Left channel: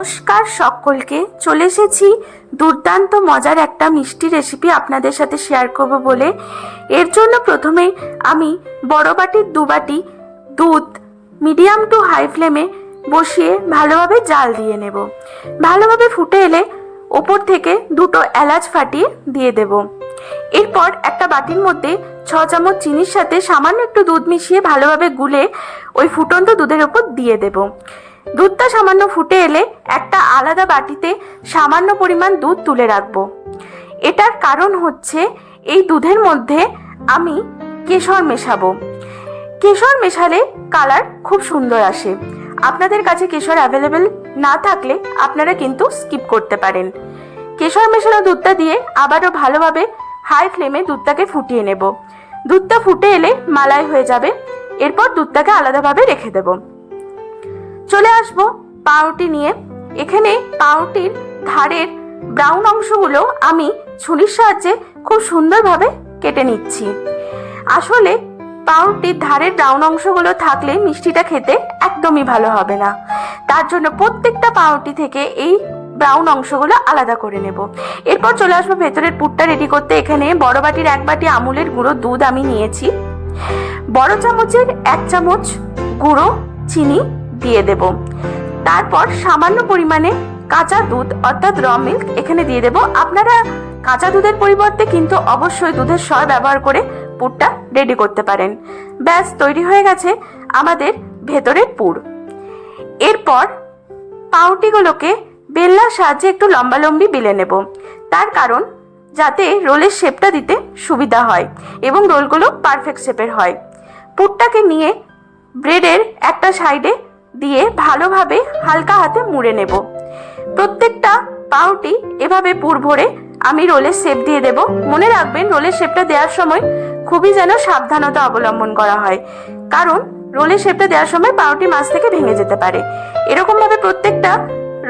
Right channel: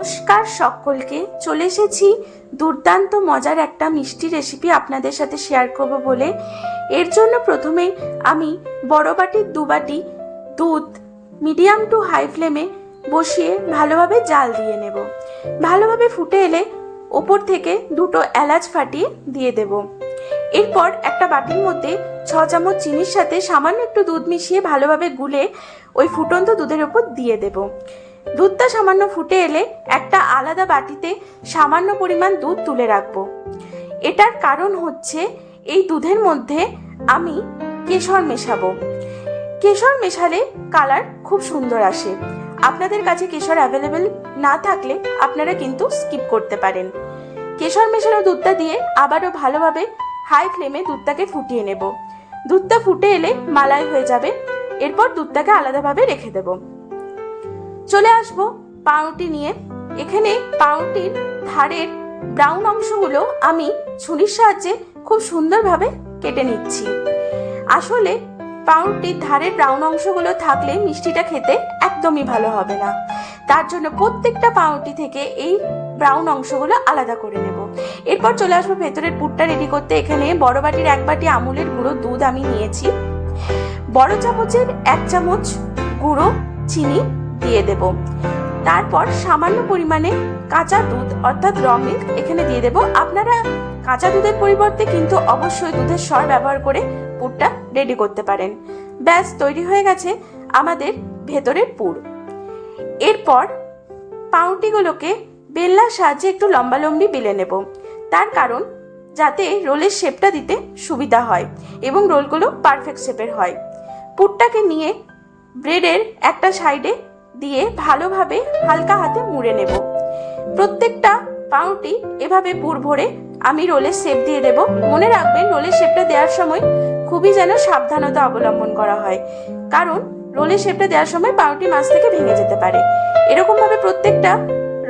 নমস্কার সকলকে, চলে এসেছি দুর্দান্ত মজার একটা মিষ্টি রেসিপি আপনাদের সাথে শেয়ার করব বলে। এর জন্য প্রথমেই আমি বড় বাটির 2 বাটি দুধ মিডিয়াম টু হাই ফ্লেমে বসিয়ে ভালোভাবে জাল দিয়ে নেব। ভালোভাবে ফুটে এলে ওপর থেকে 2টো এলাচ ফাটিয়ে দিয়ে দেব। এরপর একটা বাটির মধ্যে 6 চামচ চিনির সাথে সামান্য একটু দুধ মিশিয়ে ভালোভাবে গুলে ওই ফুটন্ত দুধের ওপর দিয়ে দেব। দুধটা সামান্য ফুটে এলে একটা আলাদা বাটিতে সামান্য পরিমাণ দুধ তুলে রাখবো। এটার কারণ হচ্ছে এই দুধের মধ্যে আমি কেশর মেশাবো। কেশর মেশালে কালার খুব সুন্দর আসে। আপনাদের কাছে কেশর অ্যাভেলেবেল না থাকলে আপনারা কিন্তু স্কিপ করতে পারেন। কেশর মেশানো দুধটা দিয়ে আবারও ভালোভাবে হাই ফ্লেমে দুধটাকে ফুটিয়ে নেব। দুধটা ফুটে এলে মালাই হয়ে যাবে। এরপর দুধটাকে আলাদাভাবে রেখে দেব। চলে আসবো পাউরুটি নিয়ে। এখানে পাউরুটির ধারের ব্রাউন অংশগুলো আমি ছুরির সাহায্যে খুব সুন্দরভাবে কেটে নিচ্ছি। আসলে পাউরুটির ধারের ব্রাউন অংশগুলো থাকলে মিষ্টিটা খেতে একদমই ভালো হবে না। তার জন্য প্রত্যেকটা পাউরুটি থেকে এই ব্রাউন অংশগুলো আলাদা করে নেব। এরপর চলে আসবো ভেতরের পুরটা রেডি করতে। এখানে বড় বাটির 1 বাটি আমুলের গুঁড়ো দুধ আমি নিয়েছি। বড় চামচের 1 চামচ গুঁড়ো চিনি দিয়ে দেব। তারপর সামান্য পরিমাণে কাঁচা দুধ অর্থাৎ র মিল্ক এখানে দিয়ে দেব। আপনারা কাঁচা দুধের পরিবর্তে কিন্তু অবশ্যই দুধের সর ব্যবহার করে পুরটা রেডি করতে পারেন। ব্যাস, তৈরি হয়ে গেছে আমাদের ভেতরের পুর। এরপর পাউরুটিগুলোকে বেলনার সাহায্যে একটু লম্বালম্বি বেলে নেব। তার কারণ যাতে রোলের শেপটা দিতে সুবিধা হয় এবং রোলগুলো পারফেক্ট শেপের হয়। পুরটাকে নিয়ে ব্রেডের একটা সাইডে দিয়ে ভালোভাবে হালকা হাতে মুড়ে নেব। প্রত্যেকটা পাউরুটি এভাবে পুর ভরে আমি রোলের শেপ দিয়ে দেব। মনে রাখবেন, রোলের শেপটা দেওয়ার সময় খুবই যেন সাবধানতা অবলম্বন করা হয়, কারণ রোলের শেপটা দেওয়ার সময় পাউরুটি মাছ থেকে ভেঙে যেতে পারে। এরকম ভাবে প্রত্যেকটা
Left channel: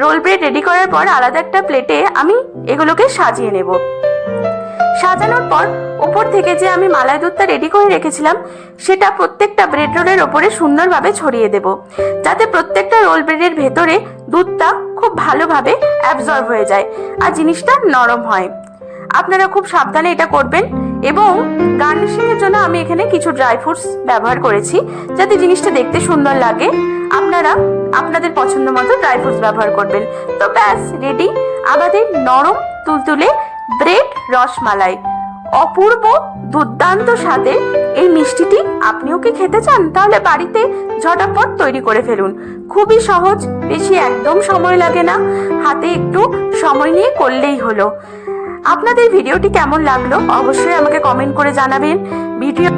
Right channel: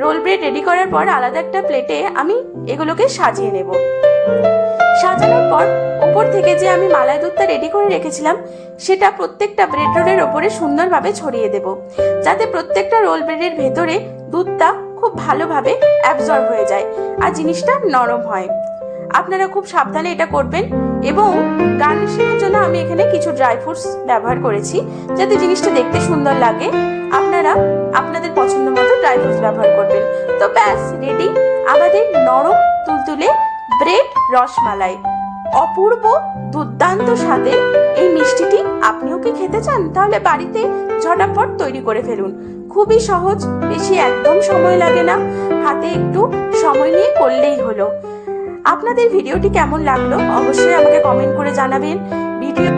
রোল ব্রেড রেডি করার পর আলাদা একটা প্লেটে আমি এগুলোকে সাজিয়ে নেব। সাজানোর পর উপর থেকে যে আমি মালাই দুধটা রেডি করে রেখেছিলাম সেটা প্রত্যেকটা ব্রেড রোলের ওপরে সুন্দরভাবে ছড়িয়ে দেব, যাতে প্রত্যেকটা রোল ব্রেডের ভেতরে দুধটা খুব ভালোভাবে অ্যাবজর্ব হয়ে যায় আর জিনিসটা নরম হয়। আপনারা খুব সাবধানে এটা করবেন। এবং গার্নিশিং এর জন্য আমি এখানে কিছু ড্রাই ফ্রুটস ব্যবহার করেছি, যাতে জিনিসটা দেখতে সুন্দর লাগে। আপনারা আপনাদের পছন্দ মতো ড্রাই ফ্রুটস ব্যবহার করবেন। তো ব্যাস, রেডি আমাদের নরম তুলতুলে ব্রেড রসমালাই। অপূর্ব দুর্দান্ত স্বাদে এই মিষ্টিটি আপনিও কি খেতে চান? তাহলে বাড়িতে ঝটাপট তৈরি করে ফেলুন। খুবই সহজ, বেশি একদম সময় লাগে না, হাতে একটু সময় নিয়ে করলেই হলো। আপনাদের ভিডিওটি কেমন লাগলো অবশ্যই আমাকে কমেন্ট করে জানাবেন। ভিডিও